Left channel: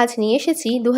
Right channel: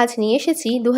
আজ নিয়ে এসেছি দু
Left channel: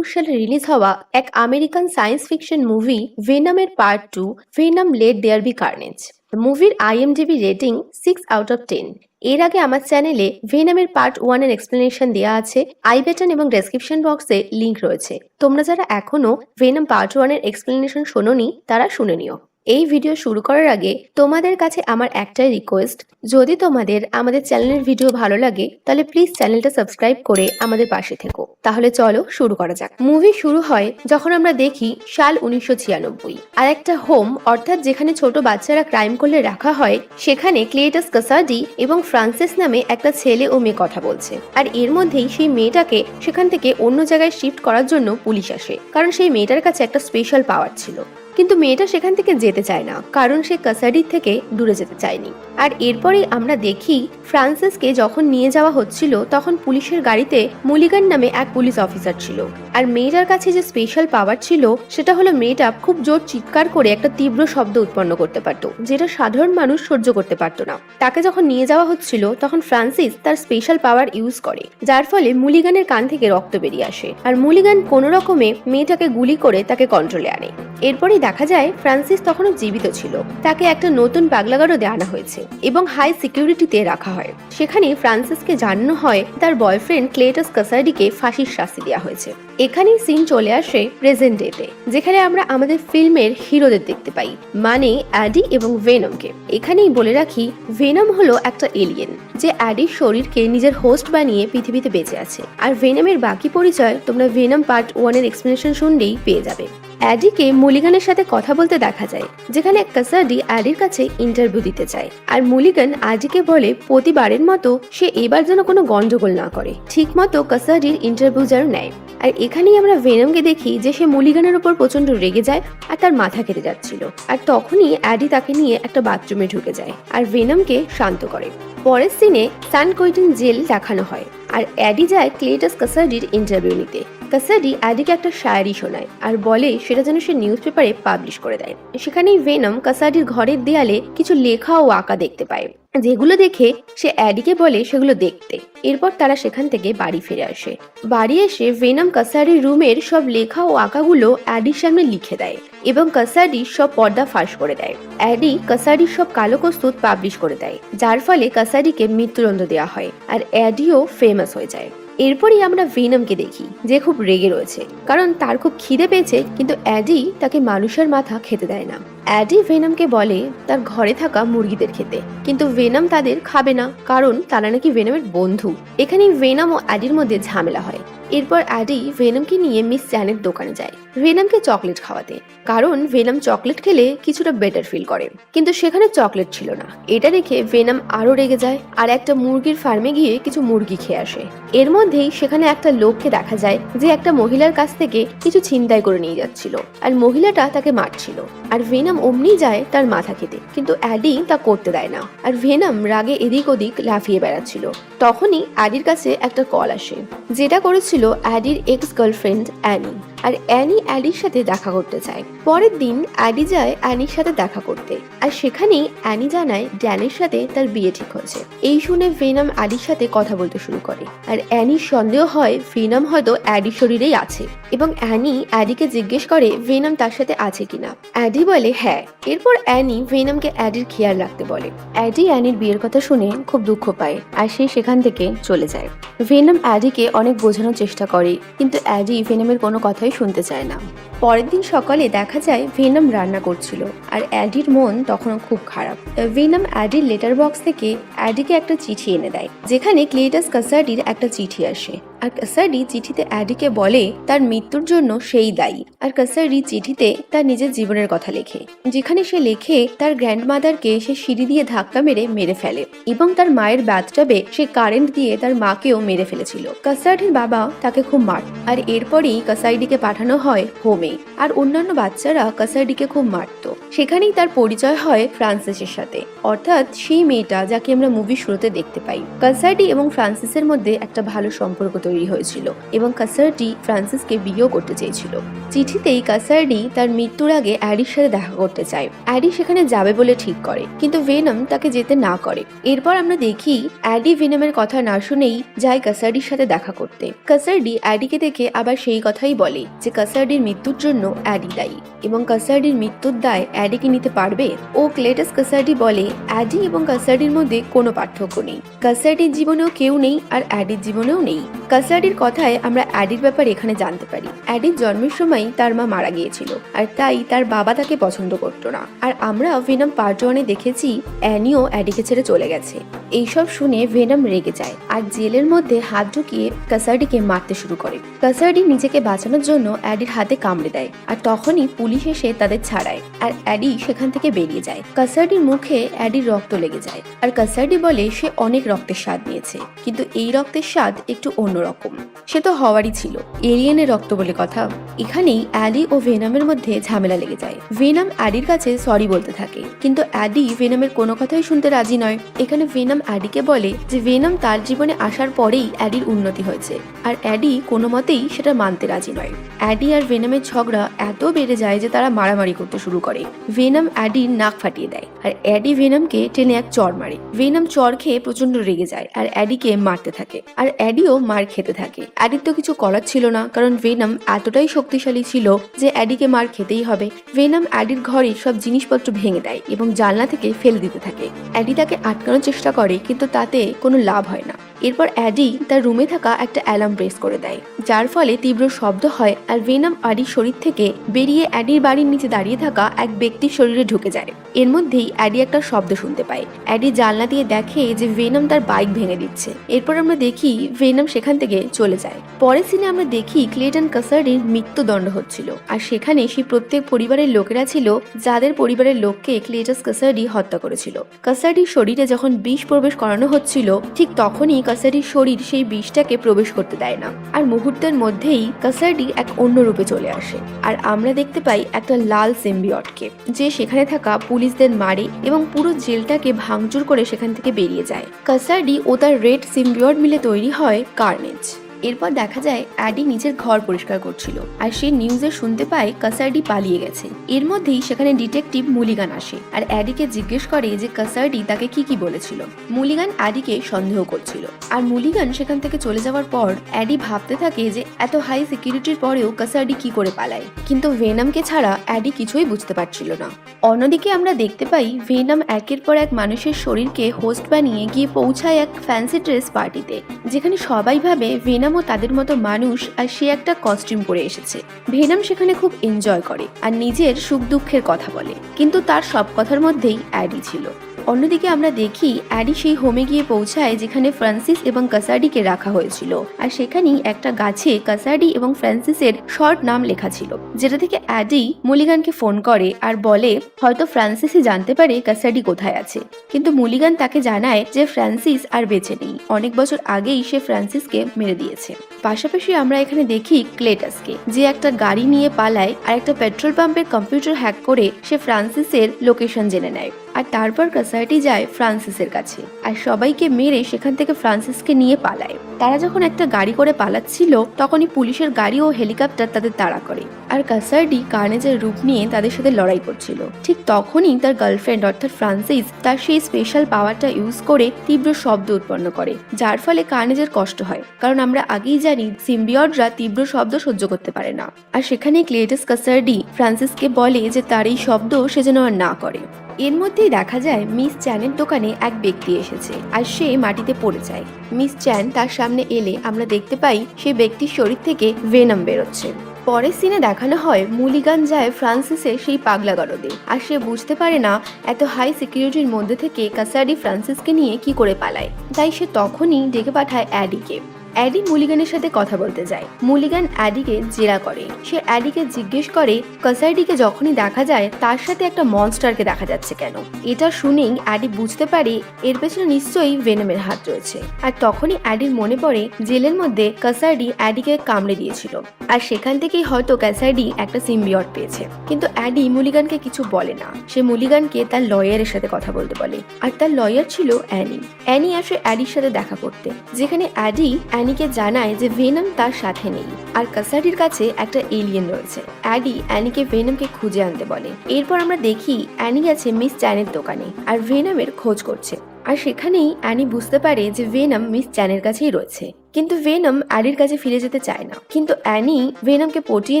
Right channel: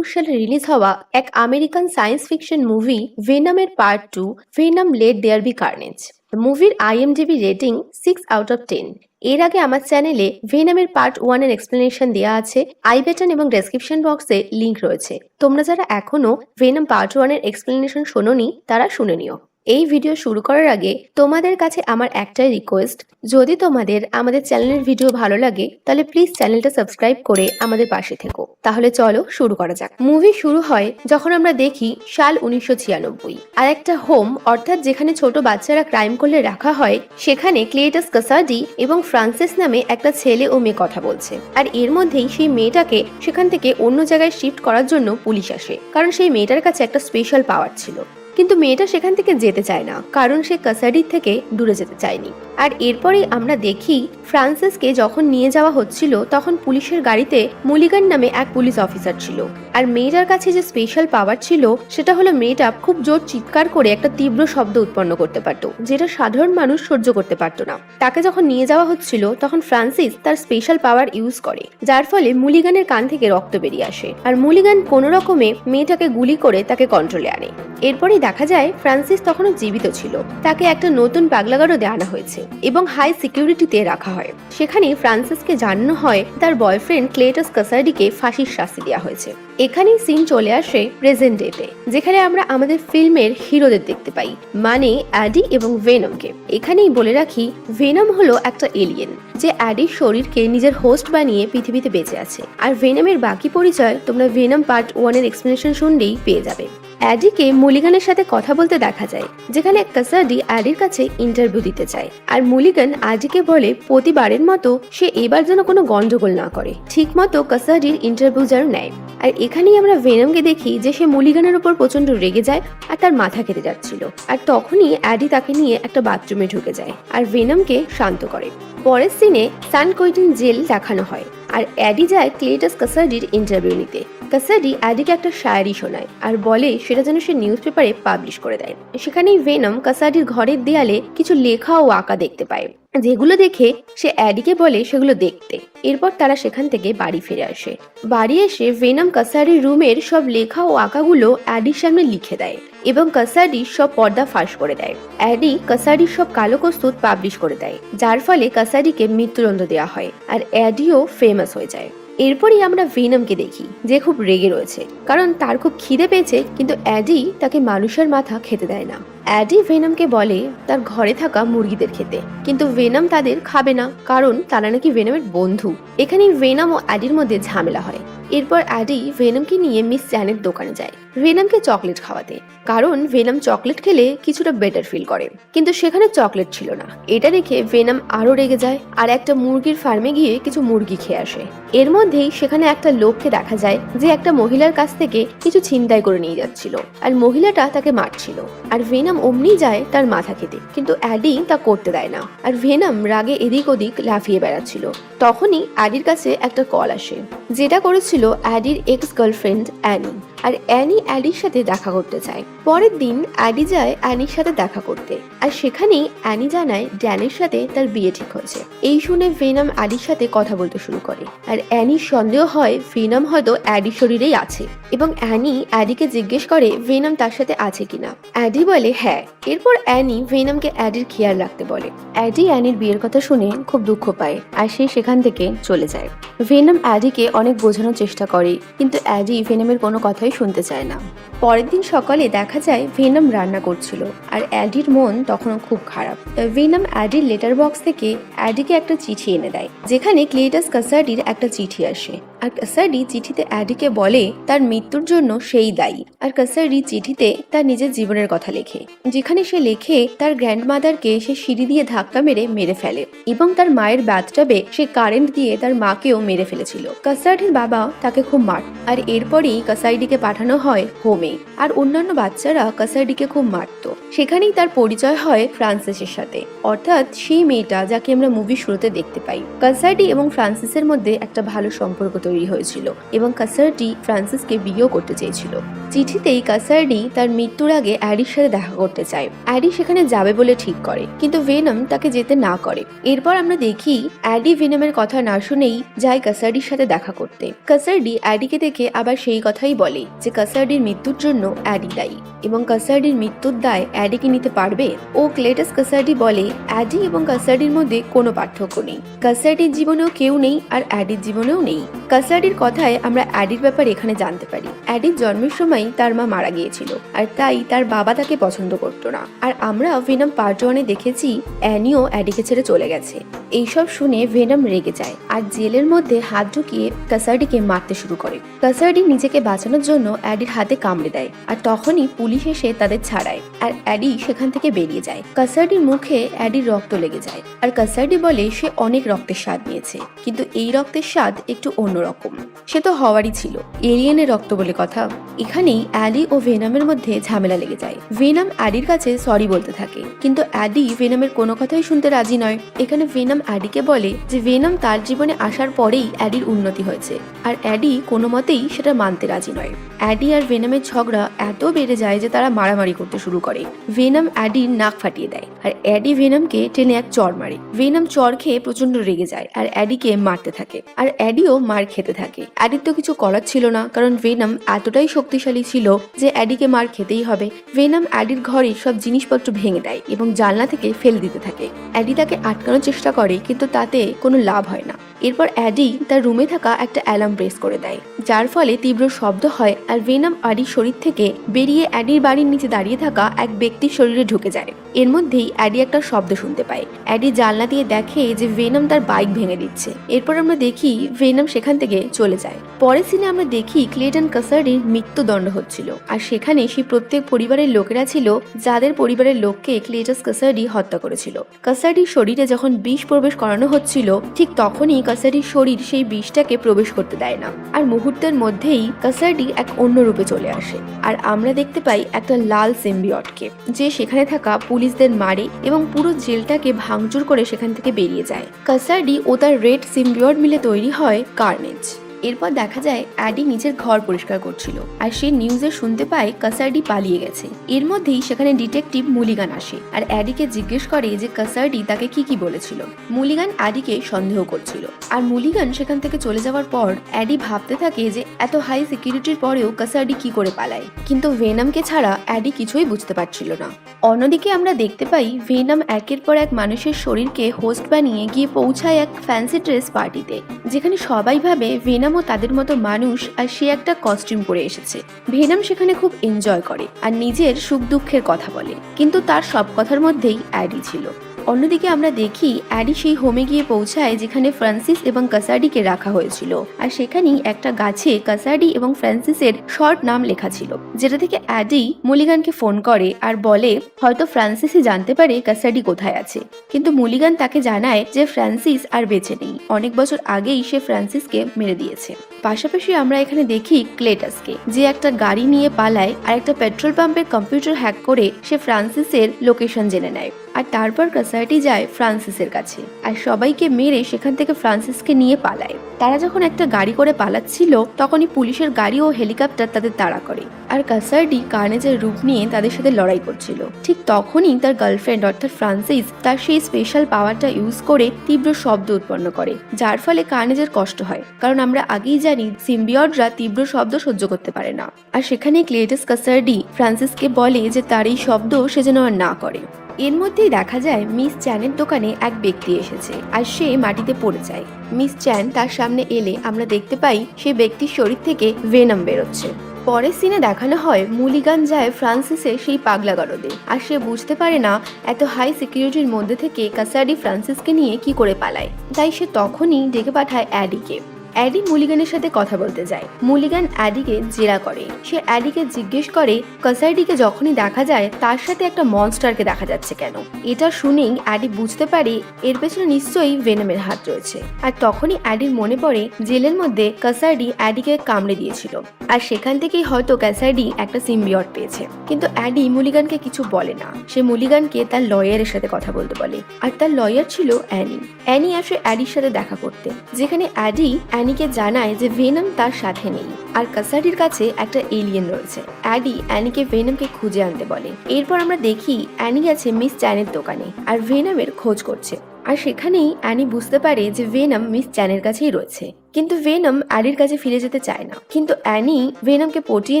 সালে রিলিজ হওয়া এক American science fiction movie, ভেনামের part two, Venom let there be carnage. মুভির IMDb rating six out of ten এর আগে আমার চ্যানেলে ভেনামের পার্ট ওয়ানের এক্সপ্লেনেশন দেওয়া আছে, আই বাটন এবং ডেসক্রিপশন বক্সে লিংক রয়েছে। তোমরা যারা এখনও ভেনাম পার্ট ওয়ানের এক্সপ্লেনেশন শোনোনি, তারা শুনে নিও। এই ভিডিও শুরু করার আগে তোমাদের কাছে আমার একটাই রিকোয়েস্ট যদি তোমাদের আমাদের চ্যানেলের ভিডিও ভালো লাগে, তাহলে প্লিজ চ্যানেলটা সাবস্ক্রাইব করে আমাদের পাশে থেকো। তাহলে চলো শুরু করা যাক। মুভি শুরু হয় যখন আমরা দেখি সাল উনিশশো ছিয়ানব্বই। আর একটা হোম অর্থাৎ যেখানে ছোট বাচ্চারা ক্রাইম করলে রাখা হয়, সেখানে ক্লেটাস কাসাডি এবং ফ্রান্সিস নামে একটা ছেলে ও মেয়ে কথা বলছে। আর এর মধ্যেই সেই মেয়েটাকে সেখান থেকে অন্য জায়গায় শিফট করার জন্য পুলিশ আসে। কারণ সেই মেয়েটার কাছে একটা স্পেশাল পাওয়ার ছিল। কিন্তু মেয়েটা সেখান থেকে যেতে চায় না, কারণ সে কাসাডির থেকে দূরে যেতে চায়নি। আর এরপরে আমরা দেখি ফ্রান্সিসকে যখন নিয়ে যাওয়া হচ্ছিল, তখন পুলিশের গাড়িতে মুলিগান নামে এক পুলিশ অফিসার ছিল। আর মেয়েটার কাছে যে স্পেশাল পাওয়ার ছিল, সেটা হলো মেয়েটা খুব জোর চিৎকার করে একটা তীব্র শব্দ উৎপন্ন করতে পারতো, যেটা সাধারণ মানুষ সহ্য করতে পারতো না। তাকে যখন নিয়ে যাওয়া হচ্ছিল, তখন ফ্রান্সিস তার স্পেশাল পাওয়ার ইউজ করে, যার ফলে মুলিগানের কান থেকে রক্ত বেরিয়ে আসে। আর মুলিগান কোনো রকমে মেয়েটাকে গুলি করে তাকে কন্ট্রোলে আনে। এরপরই দেখা যায়, ফ্রান্সিস তখনই জীবিত ছিল। তাকে একটা নতুন পাগলাগারও দেওয়া হয়েছে এবং হাই সিকিউরিটিতে রাখা হয়। সেখানে ফ্রান্সিসকে জানানো হয়, তার বয়ফ্রেন্ড ক্লেটাস কাসার্ডিকে ফাঁসির শাস্তি দেওয়া হয়েছে। এখানে সিন চলে আসে প্রেজেন্ট ডেতে যেখানে আমরা আমাদের ফিল্মের হিরোদের দেখতে পাই মানে অ্যাডি এবং ভেনমকে। এখানেই বলে রাখি, ভেনম হলো একটা এলিয়েন যে অ্যাডির শরীরকে নিজের হোস্ট বানিয়ে পৃথিবীতে বেঁচে আছে। আর ভেনমের বাকি পরিচয় তোমরা ভেনম পার্ট ওয়ানের এক্সপ্লেনেশন শুনলেই পেয়ে যাবে। অ্যাডিকে মুলিগানের সাথে কথা বলতে দেখা যায়, যেখানে কাসাডি অ্যাডির কাছে ইন্টারভিউ দিতে চায় আর মুলিগান অ্যাডিকে বলে, প্রতিবারের মতো সে এবার যেন কোনো গন্ডগোল না করে। ঠিক মতো কাসাডির ইন্টারভিউ যেন নেয়। আর এখানেই আমরা ভেনমকে দেখি যে সে মুলিগানের উপর প্রচণ্ড রেগে যায় আর তার মাথা কেটে যাচ্ছিল। আর তখনই অ্যাডি তাকে নিয়ে একটা বাথরুমে ঢুকে যায় আর ভেনমকে শান্ত করে। পরের সিনে স্যান কোয়েটিন জেল দেখানো হয়। আর অ্যাডি যায় ক্লেটাস কাসাডির ইন্টারভিউ নিতে। কাসাডি অ্যাডিকে একটা শায়ারি শোনায় আর বলে সেটা যেন সে নিউজ পেপারে পাবলিশ করে দেয়। সেখানেই ভেনম কাসাডির ঘরের দেয়ালে কিছু লেখা ও আঁকা দেখতে পায়, যেগুলো দেখে সে অ্যাডিকে বলে সেগুলো দেখতে। এরপর তারা সেখান থেকে বাড়ি ফিরে আসে। বাড়ি এসে ভেনম কাসাডির রুমের সব লেখা ও আঁকাগুলো অ্যাডির সামনে লিখে দেয়। এবং কাসাডি সব পর্দা ফাঁস করে দেয়। অ্যাডি কাসাডির সব কালো কস্তুত পাবলিশ করে দেয়, যার ফলে কাসাডিকে মৃত্যুদণ্ড দেওয়া হয় আর অ্যাডিও ফেমাস হয়ে যায়। এরপরই আমরা ভেনমকে দেখি, যে খুব রেগে রয়েছে। কারণ তার খুব খিদে পেয়েছে, কিন্তু অ্যাডি তাকে মানুষের মাথা খেতে দেয় না। অ্যাডি ভেনমকে বলে, তার ঘরে থাকা মুরগিদের খেতে। কিন্তু ভেনম তাদের খাবে না, কারণ তারা নাকি ভেনমের বন্ধু। এখানেই ভেনম ও অ্যাডির মধ্যে ঝামেলা হয়। এরপর অ্যাডি ভেনমকে নিয়ে মিস চ্যানের দোকানে যায়। ভেনমকে চকলেট খাওয়াতে। কারণ ভেনম চকলেট খেলে কিছুটা বেটার ফিল করে। কিন্তু সেখানে চকলেট ছিল না। এটা দেখে ভেনম আরও রেগে যায় আর একটা মুরগির ফার্মে গিয়ে কিছু মুরগি খেয়ে আসে। এর মধ্যেই সেখানে একটা লোককে দেখা যায় যে একটা মহিলার কাছ থেকে কিছু ছিনতাই করে নিয়ে যাচ্ছিল। আর মহিলাটা তাকে মারছিল। আর ভেনাম অমনি যায় তার মাথা খেতে। কিন্তু অ্যাডি তা করতে দেয় না। আর ভেনাম রাগে এদিক ওদিক লাফিয়ে বেড়াচ্ছিল। তখনই অ্যাডির কাছে একটা কল আসে। যেটা করেছিল অ্যাডির এক্স গার্লফ্রেন্ড অ্যানি। আর অ্যানি অ্যাডির সাথে দেখা করতে চায়। পরের দিন অ্যাডি যায় অ্যানির সাথে দেখা করতে। আর সেখানেই অ্যানি জানায় ড্যানের সাথে তার বিয়ে ঠিক হয়েছে। এই শুনে ভেনাম অ্যাডির সাথে কথা বলতে শুরু করে। আর অ্যানির সন্দেহ হয় ভেনাম হয়তো অ্যাডির শরীরেই আছে। এবং অ্যানি অ্যাডিকে জিজ্ঞেস করে ভেনাম তার সাথে আছে কিনা। অ্যাডি বলে হ্যাঁ। এরপর অ্যানি ভেনামকে অ্যাডির খেয়াল রাখতে বলে। অ্যাডি অ্যানির বিয়ের কথা শুনে খুব দুঃখ পায় আর সে সেখান থেকে চলে যায়। ভেনাম অ্যাডিকে অনেক বোঝানোর চেষ্টা করে। কিন্তু অ্যাডি ভেনামের কোনো কথাই শুনতে চায় না। পরের দিন সকালে দেখা যায় ভেনম রান্না করছিল আর অ্যাডির মন তখনও খুব খারাপ। ভেনম অ্যাডির লেটার বক্স থেকে অ্যাডিকে একটা চিঠি এনে দেয়, যেখানে ক্লেটাস কাসাডির একটা চিঠি আসে। আর কাসাডি চিঠিতে অ্যাডিকে বলে তার মৃত্যুর জন্য সেই দায়ী। আর কাসাডি চিঠিতে তার নিজের জীবনের কথা লেখে, যেখানে সে লেখে তার গ্র্যান্ডমাদারকে সে সিঁড়ি দিয়ে ধাক্কা মেরে মেরে ফেলে এবং তার মায়ের বাথটাবে সে কারেন্ট দিয়ে তার মাকেও মেরে ফেলেছিল। কাসাডির বাবা তাকে খুব মার। আর এরপরেই কাসাইডিকে পাঠানো হয় হোমে। আর অন্যান্য বাচ্চারা কাসাইডিকে খুব মারতো। সেখানেই তার পরিচয় হয় ফ্রান্সিসের সাথে। অর্থাৎ সেই মেয়েটা যাকে আমরা মুভি শুরুতে দেখতে পাই। কাসার্টি এবং ফ্রান্সিসের মধ্যে একটা ভালো সম্পর্ক তৈরি হয়েছিল এবং কাসার্টি ফ্রান্সিসকে বিয়েও করতে চেয়েছিল। চিঠিতেই কাসার্ডি তার মৃত্যুর আগে অ্যাডির সাথে দেখা করতে চায়। অ্যাডি সেখানে যাবে বলে ঠিক করে, কিন্তু ভেনম তাকে যেতে না করে। এরপর আমরা দেখি অ্যাডি ভেনমের কথা না শুনেই যায় কাসার্ডির সাথে দেখা করতে। কাসার্ডি অ্যাডিকে দেখে আবার সেই কথাই বলে যে কাসার্ডির মৃত্যুর জন্য অ্যাডি দায়ী। এবং কাসার্ডির মৃত্যুর দায় অ্যাডি অ্যাডিকে নিতে পারবে? ও ক্লেটাস কাসার্ডি বলে, অ্যাডি এবং কাসার্ডির মধ্যে কোনো পার্থক্য নেই। কাসার্ডির জীবনেও কেউ নেই আর অ্যাডির জীবনেও নেই। কাসার্ডির কথায় আমরা অ্যাডির ব্যাপারে এখানে জানতে পারি। অ্যাডির জন্মের সময় তার মা মারা গিয়েছিল, আর তাই তার বাবা তাকে পছন্দ করতো না। আর আমরা ভেনাম পার্ট ওয়ানে দেখেছি, অ্যানিও অ্যাডিকে ছেড়ে চলে গেছে। এইসব শুনে ভেনাম রেগে যায়, আর জেলের মধ্যে হাত ঢুকিয়ে কাসার্ডিকে মারতে শুরু করে। কাসার্ডি নিজেকে বাঁচানোর জন্য অ্যাডির হাতে কামড়ে দেয় আর তখনই পুলিশ এসে তাদের ছাড়ায় আর অ্যাডি সেখান থেকে বেরিয়ে যায়। কাসার্ডির মুখে অ্যাডির রক্ত লেগে যায় আর কাসার্ডি বলে সে অনেক রক্তের স্বাদ নিয়েছে। কিন্তু এই রক্তের স্বাদ একটু অন্যরকম। সে তো হওয়ারই ছিল। এরিয়ানের রক্ত বলে কথা। এখানেই অ্যাডি ও ভেনামের মধ্যে ঝামেলা লেগে যায়। ভেনাম অ্যাডির কাছে সরি বলতে থাকে। কিন্তু অ্যাডি ভেনামের কোনো কথাই শুনতে রাজি নয়। এখানে ভেনাম অ্যাডিকে বলে যে ভেনাম তার জীবনে আসার পরেই অ্যাডির উন্নতি হয়েছে। আর অ্যাডি কোনো মতেই সেটা মানতে রাজি নয়। অ্যাডি আর ভেনামের ঝগড়া এত বেড়ে যায় যে তারা মারামারি করতে শুরু করে। ভেনাম অ্যাডির নাক ফাটিয়ে দেয়। আর অ্যাডি ভেনামকে টেনে এক চর মারে। ভেনাম চর খেয়ে প্রচণ্ড রেগে যায়। আর অ্যাডিকে মারতে থাকে। আর অ্যাডিও মার খেতে থাকে। অ্যাডির তো কিছু করার ছিল না, কারণ ভেনাম এতটাই শক্তিশালী ছিল যে অ্যাডিকে মার খেতেই হবে। ভেনাম অ্যাডির ঘরে সব জিনিসপত্র ভেঙে দেয় এবং জানলা থেকে ফেলে দিতে থাকে। অ্যাডি তাকে আটকানোর চেষ্টা করে, কিন্তু তাতে কোনো লাভ হয় না। এরপর অ্যাডি তার রুমে থাকা একটা অ্যালার্ম প্রেস করে দেয়। যার ফলে তীব্র শব্দ হয় আর ভেনাম অ্যাডির শরীর থেকে বেরিয়ে অ্যাডির বাড়ির নিচে দাঁড়িয়ে থাকা এক ব্যক্তির শরীরে ঢুকে যায়। এর মধ্যেই অ্যাডি একটা শব্দ শুনতে পায়। অ্যাডি জানলা দিয়ে দেখে যে ভেনাম তার বাইক ভেঙে দিচ্ছে। এরপর আমরা দেখি ভেনাম সেখান থেকে চলে যায়। পরে সিনে আমরা দেখি ক্লেটন কাসারির মৃত্যুদণ্ড হচ্ছিল। আর সেখানে সেই প্রত্যেক পরিবারের লোকেরা ছিল যাদের পরিবারের লোককে ক্লেটাস কাসারি হত্যা করেছিল। কাসারির শরীরে যখন বিষ প্রবেশ করানো হচ্ছিল, ঠিক তখনই কাসারির শরীর সেই বিষটাকে প্রবেশ করতে দেয় না। আর মুহূর্তের মধ্যেই কাসারটি এক অন্য রূপে চলে আসে। আর আমরা দেখতে পাই একটা লাল সিম্বিয়টকে, যে সেখানে থাকা পুলিশদের মারে এবং পুরো জেলটাকে ভাঙচুর করে সেখান থেকে বেরিয়ে যায়। কাসারি ও তার রেড সিম্বিয়ট মিলে তৈরি হয় কার্নেজ। এরপর দেখা যায় অ্যাডি নিজের ঘর পরিষ্কার করছিল আর সে নিউজে শুনতে পায় কাসার্ডি পালিয়ে গেছে। এর মধ্যেই সেখানে ডিটেকটিভ মুলিগান আসে আর অ্যাডিকে জিজ্ঞেস করে যে কাসার্ডি তাকে কি কি বলেছিল। মুলিগান অ্যাডিকে সন্দেহ করছিল। আর মুলিগান সেখান থেকে চলে যাওয়ার পর অ্যাডি ভাবতে থাকে যে এত হাই সিকিউরিটির পরেও কাসার্ডি কি করে পালায়। কিন্তু ভেনামকে ছাড়া অ্যাডি কিছুই বুঝতে পারছিল না। অন্যদিকে আমরা দেখতে পাই ভেনাম একের পর এক মানুষের শরীরকে হোস্ট বানিয়ে গিয়ে পৌঁছায় এক ফ্যান্সি ড্রেস পার্টিতে যেখানে সবাই ভাবে ভেনামও তাদের মতো মানুষ আর সে একটা কস্টিউম পরে এসেছে। ভেনাম সেখানে খুব এনজয় করে আর নিজের সুখ দুঃখের কথা বলে। কিন্তু তার সব কথার মধ্যেই অ্যাডি ছিল। অন্যদিকে আমরা দেখি অ্যাডি সেই হোমে গিয়ে পৌঁছায় যেখানে ফ্রান্সিস এবং কাসার্ডিকে রাখা হয়েছিল। আর সেখানেই একটা গাছে কাসার্ডি এবং ফ্রান্সিসের শর্ট নাম লেখা ছিল, যেটা থেকে অ্যাডি মলিগানকে ফোন করে আর বলে, হয়তো ফ্রান্সিসই জানতে পারে কাসার্ডি কোথায় আছে। কিন্তু মলিগান তাকে জানায় যে ফ্রান্সিস আর বেঁচে নেই। অনেক বছর আগেই সে ফ্রান্সিসকে মেরে দিয়েছে। পাশাপাশি আমরা এখানে দেখি ক্লেটাসকে, যে একটা গাড়ি নিয়ে পালায় আর একটা পেট্রোল পাম্পের কম্পিউটার হ্যাক করে সে ফ্রান্সিসের লোকেশন জেনে নেয়। আর তারপর কাসাইটি যায় ফ্রান্সিসের কাছে আর সবাইকে মেরে সেখান থেকে ফ্রান্সিসকে নিয়ে পালায়। তারা যখন একটা গাড়ি করে পালাচ্ছিল, তখনই পুলিশের গাড়ি ও হেলিকপ্টার তাদের তাড়া করে আর কাসাইডি কার্নেজের রূপ নিয়ে তাদের সাথে লড়াই করছিল। ঠিক তখনই তার গার্লফ্রেন্ড অর্থাৎ ফ্রান্সিস তার সেই স্পেশাল পাওয়ারটা ইউজ করে তীব্র শব্দ উৎপন্ন করে, যার ফলে কার্নেজের কষ্ট হয়। কারণ আমরা আগেই জানি সিম্বিয়টরা তীব্র শব্দ সহ্য করতে পারে না। আর সেখানে ক্লেটাস কাসার্ডি ফ্রান্সিসকে বলে যে তার এই শব্দ সে যেন আর না করে। এর মধ্যেই দেখা যায়, মিস চ্যানের দোকানে এক ব্যক্তি এসেছে আর সে মাটিতে পড়ে যায়। মিস চ্যান তার সামনে এলে আমরা দেখতে পাই, সেই ব্যক্তির শরীর থেকে ভেনাম বেরোচ্ছে। পরের সিনে দেখানো হয়, মুলিগান যায় ফ্রান্সিসের সেই পাগলা গারদে। আর সে বুঝতে পারে না, এত হাই সিকিউরিটির মধ্যে থেকে কাসাডি ফ্রান্সিসকে নিয়ে কি করে পালায়। তাই সে তখনই ডেকে পাঠায় অ্যাডিকে অ্যাডি মুলিগানের সাথে কথা বলতে চায়। মুলিগান অ্যাডিকে জেরা করে। সে অ্যাডিকে জিজ্ঞেস করে কাসার্ডিকে যখনই দেখা যায়, তার সাথে একটা মনস্টারকে দেখা যাচ্ছে কেন? এটা শুনেই অ্যাডি বুঝতে পারে, এর পেছনে নিশ্চয়ই ভেনামের হাত রয়েছে। আর তখনই অ্যাডির মনে পড়ে, জেলের মধ্যে কাসার্ডি অ্যাডিকে কামড়ে দিয়েছিল। আর সেখান থেকেই হয়তো ক্যাসার্ডি একটা সিম্বিয়ট পেয়েছে। কিন্তু অ্যাডি মুলিগানকে কিছু বলে না। সে মুলিগানকে তার লয়ারের সাথে কথা বলতে বলে। আর তার লয়ার ছিল অ্যানি। অ্যানি আসে অ্যাডির সাথে দেখা করতে। যেখানে অ্যাডি অ্যানিকে জানায় যে ভিলেন তার সাথে নেই। আর কাসারির কাছে একটা এলিয়েন রয়েছে। অ্যাডি অ্যানিকে ভেনমকে খুঁজে আনতে বলে। এরপর আমরা দেখি অ্যানি আছে মিস চ্যানের দোকানে, আর ভেনমের খোঁজ করছে। আর সেখানেই অ্যানি বুঝতে পারে যে ভেনাম মিস চ্যানের কাছেই রয়েছে। কিন্তু ভেনাম অ্যাডির কাছে ফিরে যেতে চায় না। কিন্তু অ্যানি ভেনামকে পটিয়ে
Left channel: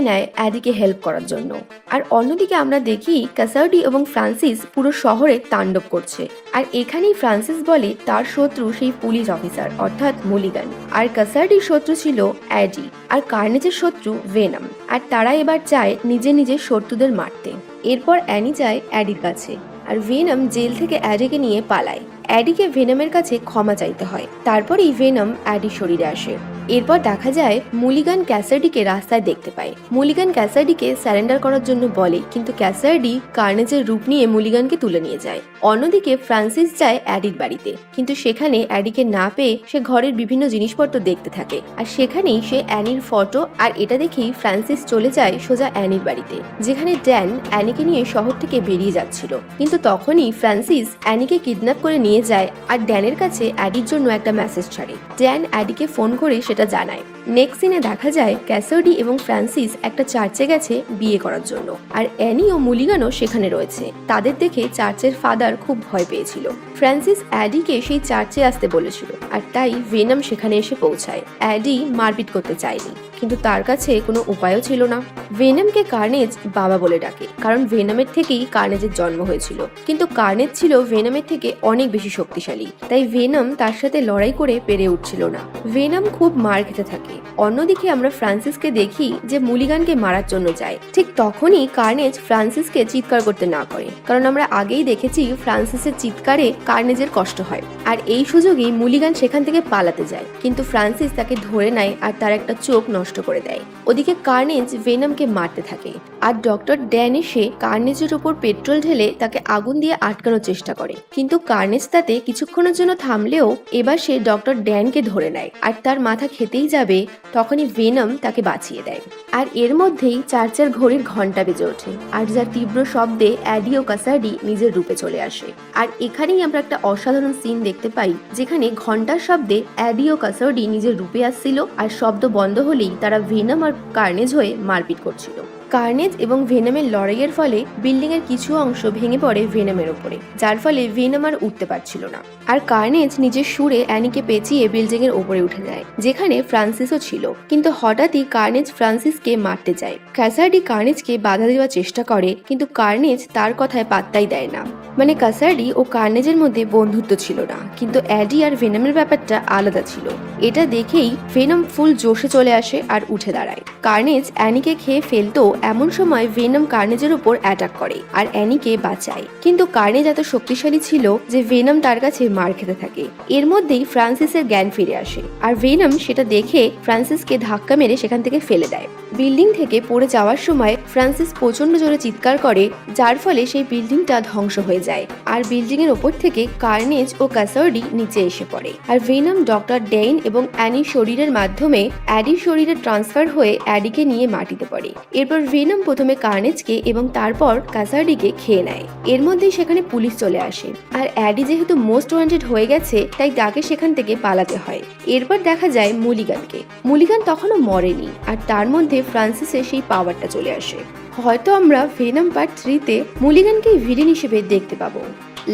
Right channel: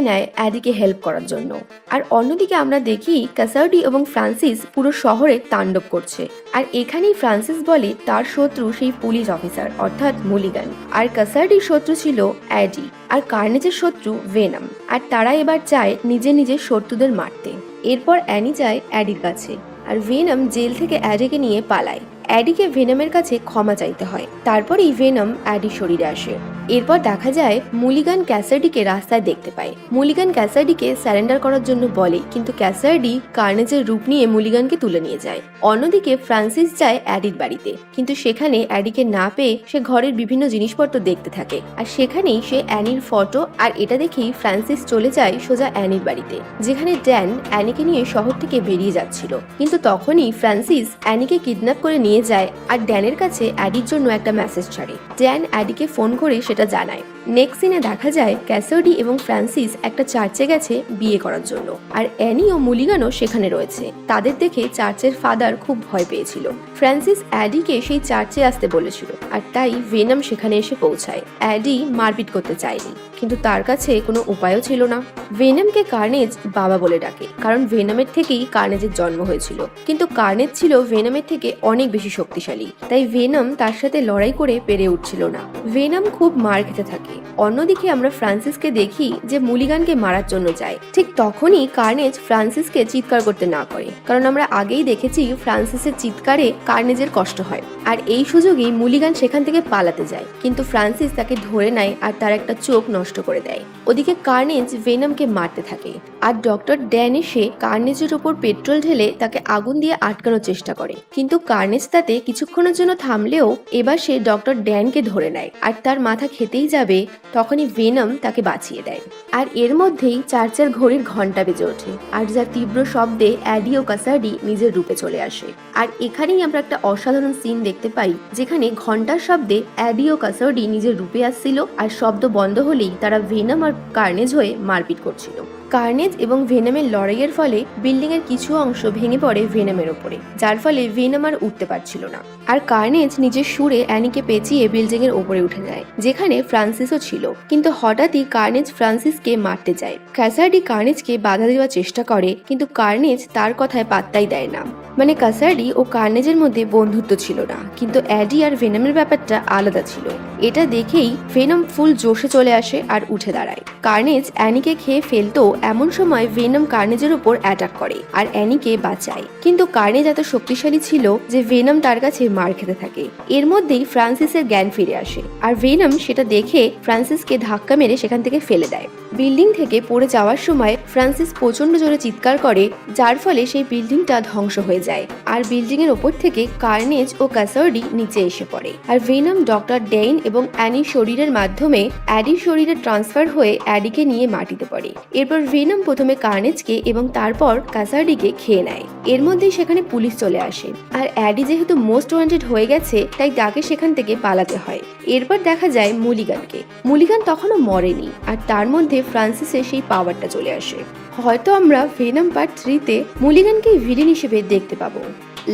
নেয় অ্যাডিকে হেল্প করার জন্য। আর অন্যদিকে আমরা দেখি ক্যাসার্ডি এবং ফ্রান্সিস পুরো শহরে তাণ্ডব করছে। আর এখানেই ফ্রান্সিস বলে তার শত্রু সেই পুলিশ অফিসার অর্থাৎ মুলিগান। আর কাসার্ডির শত্রু ছিল অ্যাডি। আর কার্নেজের শত্রু ভেনাম। আর তারা এবার চায় নিজে নিজের শত্রুদের মারতে। এরপর অ্যানি যায় অ্যাডির কাছে। আর ভেনাম জেল থেকে অ্যাডিকে নিয়ে পালায়। অ্যাডিকে ভেনমের কাছে ক্ষমা চাইতে হয়। তারপরেই ভেনম অ্যাডির শরীরে আসে। এরপর দেখা যায় মুলিগান ক্যাসাডিকে রাস্তায় দেখতে পায়। মুলিগান ক্যাসাডিকে স্যারেন্ডার করার জন্য বলে, কিন্তু ক্যাসাডি কার্নেজের রূপ নিয়ে মুলিগানকে তুলে নিয়ে যায়। অন্যদিকে ফ্রান্সিস যায় অ্যাডির বাড়িতে। কিন্তু সেখানে অ্যাডিকে না পেয়ে সে ঘরের বিভিন্ন জিনিসপত্র দেখতে থাকে। আর সেখানেই সে অ্যানির ফটো আর এটা দেখে ফ্রান্সিস চলে যায় সোজা অ্যানির বাড়িতে, যেখানে ড্যান অ্যানিকে নিয়ে শহর থেকে বেরিয়ে যাচ্ছিল। কিন্তু তখনই ফ্রান্সিস অ্যানিকে কিডন্যাপ করে নিয়ে যায়। আর ড্যানের কাছে অ্যাডির জন্য একটা মেসেজ ছাড়ে। ড্যান অ্যাডিকে ফোন করে সেটা জানায়। নেক্সট সিনে দেখা যায় ক্যাসোডি এবং ফ্রান্সিস একটা চার্চে গেছে বিয়ে করার জন্য। আর অ্যানি ও মুলিগানও সেখানে রয়েছে। তাদের দেখে চার্চের ফাদার খুব ভয় পেয়েছিল। ফ্রান্সিস অ্যাডিকে সেই চার্চে আসতে বলেছিল। আর তাই ভেনাম সেখানে এসে পৌঁছায়। অ্যাডি মারপিট করতে চায়নি। কিন্তু তার কাছে কোনো উপায়ও ছিল না। ভেনামকে কার্নেজ বাবা বলে ডাকে। কারণ ভেনামের থেকেই কার্নেজের জন্ম হয়েছিল। কিন্তু কার্নেজ ছিল ভেনামের থেকে অনেক বেশি শক্তিশালী। তাই ভেনাম তার সাথে লড়াই করে পেরে উঠছিল না। ভেনাম খুব মার খেতে থাকে। অন্যদিকে আমরা ফ্রান্সিসকে দেখি যে মুলিগানকে মারার জন্য যায়। ঠিক তখনই কার্নেজ ফ্রান্সিসকে চিৎকার করতে না করে কারণ আমরা আগেই দেখেছি ফ্রান্সিসের চিৎকারে কার্নেজের কষ্ট হয়। আর এই সুযোগেই মুলিগান সেখান থেকে পালাতে যায়। কিন্তু ফ্রান্সিস তাকে ধরে নেয় আর তার একটা চোখ নষ্ট করে দেয়। ওদিকে কার্নেজ ভেনমকে মারতে থাকে। আর ডক্টর ড্যান এসে কার্নেজের উপর পেট্রোল ঢেলে তাকে আগুন দিয়ে আটকানোর চেষ্টা করে। কিন্তু কার্নেজ তাতে কিছুক্ষণের জন্য থামলেও এবার সে ডক্টর ড্যানকে ধরে নেয়। আর তার মাথা খেতেই যাবে, তখনই ভেনম তাকে বাঁচিয়ে দেয়। আর এর মধ্যেই চার্চের ঘড়ির ঘণ্টা বেজে ওঠে। আর যার তীব্র শব্দে অ্যাডিও কাসাডি নিজের রূপে চলে আসে। আর এখানেই আমরা একটা অসাধারণ সিন দেখতে পাই, যেখানে ঘণ্টার শব্দে অ্যাডিও কাসাডি নিজের রূপে আসছিল। আর শব্দ বন্ধ হলেই তারা ভেনাম আর কার্নেজ হয়ে মারপিট করছিল। কার্নেজ এবং ভেনামের লড়াইয়ের ফলে বিল্ডিং এর কিছু অংশ ভেঙে পড়ে ভেনামের উপরে, যার ফলে ভেনাম আর উঠতে পারছিল না। আর কার্নেজ নিজের সুরে অ্যানিকে পেঁচিয়ে বিল্ডিং এর উপরে উঠে নেয়, যেখানে ফ্রান্সিসও ছিল। কিন্তু হঠাৎই কার্নেজ ফ্রান্সিসকে মারতে যায়। কাসার্ডি কার্নেজকে বাধা দেওয়ার চেষ্টা করে, কিন্তু কার্নেজ তার কথায় পাত্তাই দেয় না। মানে কাসার্ডি ও কার্নেজের মধ্যে বন্ধুত্ব ছিল না, কিন্তু অ্যাডি আর ভেনামের ব্যাপারটা আলাদা ছিল। এটা দেখেই ভেনম ফুল জোশে চলে আসে আর উঠে দাঁড়ায়। কার্নেজ অ্যানিকে খেয়ে ফেলতো এমন সময় ভেনম কার্নেজের উপর অ্যাটাক করে আর অ্যানিকে বাঁচায়। কিন্তু কার্নেজ এত শক্তিশালী ছিল যে ভেনম তার কাছে মার খেতে থাকে। এর মধ্যেই ফ্রান্সিসের জ্ঞান ফিরে আসে আর ভেনম সেটা দেখে ফ্রান্সিসকে ধাক্কা মেরে সেখান থেকে ফেলে দেয়। বিল্ডিং থেকে পড়ে যাওয়ার সময় ফ্রান্সিস প্রচণ্ড জোরে চিৎকার করে, যার ফলে সেই বিল্ডিংটা ধ্বংস হয়ে যায়। আর বিল্ডিং এর উপর থেকে কার্নেজ ও কাসার্ডি নিচে এসে পড়ে। আর ভেনম ডক্টর ডেইন এবং অ্যানির শরীরের মাধ্যমে অ্যাডির শরীরে ট্রান্সফার হয়ে অ্যাডিকে নিয়ে মাটিতে পড়ে। এরপর ভেনম প্রথমে কার্নেজকে এবং তারপর কাসার্ডিকে খেয়ে নেয়। এর মধ্যেই সেখানে পুলিশ চলে আসে। আর অ্যাডি যেহেতু মোস্ট ওয়ান্টেড হয়ে গেছে, তাই তাকে সেখান থেকে পালাতে হয়। এরপর দেখা যায় মুলিগানকে। মুলিগান তখনও মরেনি, আর তার মধ্যে ফ্রান্সিসের সেই পাওয়ারটা চলে আসে। হয়তো আমরা ভেনাম পার্ট থ্রিতে মুলিগানকে ভিলিন হিসেবে দেখতে পাবো।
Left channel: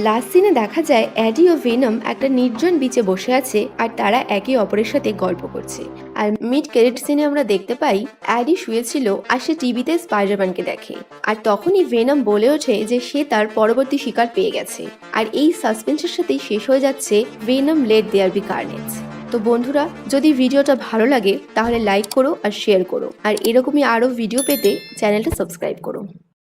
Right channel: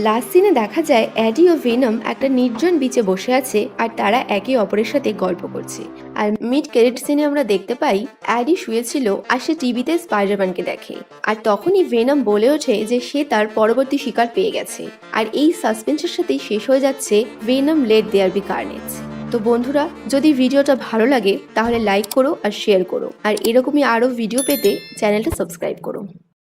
লাস্ট সিনে দেখা যায় অ্যাডি ও ভেনম একটা নির্জন বিচে বসে আছে আর তারা একে অপরের সাথে গল্প করছে। আর মিড ক্রেডিট সিনে আমরা দেখতে পাই অ্যাডি শুয়েছিল আর সে টিভিতে স্পাইডারম্যানকে দেখে। আর তখনই ভেনম বলে ওঠে যে সে তার পরবর্তী শিকার পেয়ে গেছে। আর এই সাসপেন্সের সাথেই শেষ হয়ে যাচ্ছে Venom let there be carnage তো বন্ধুরা, যদি ভিডিওটা ভালো লাগে তাহলে লাইক করো আর শেয়ার করো। আর এরকমই আরও ভিডিও পেতে চ্যানেলটা সাবস্ক্রাইব করো।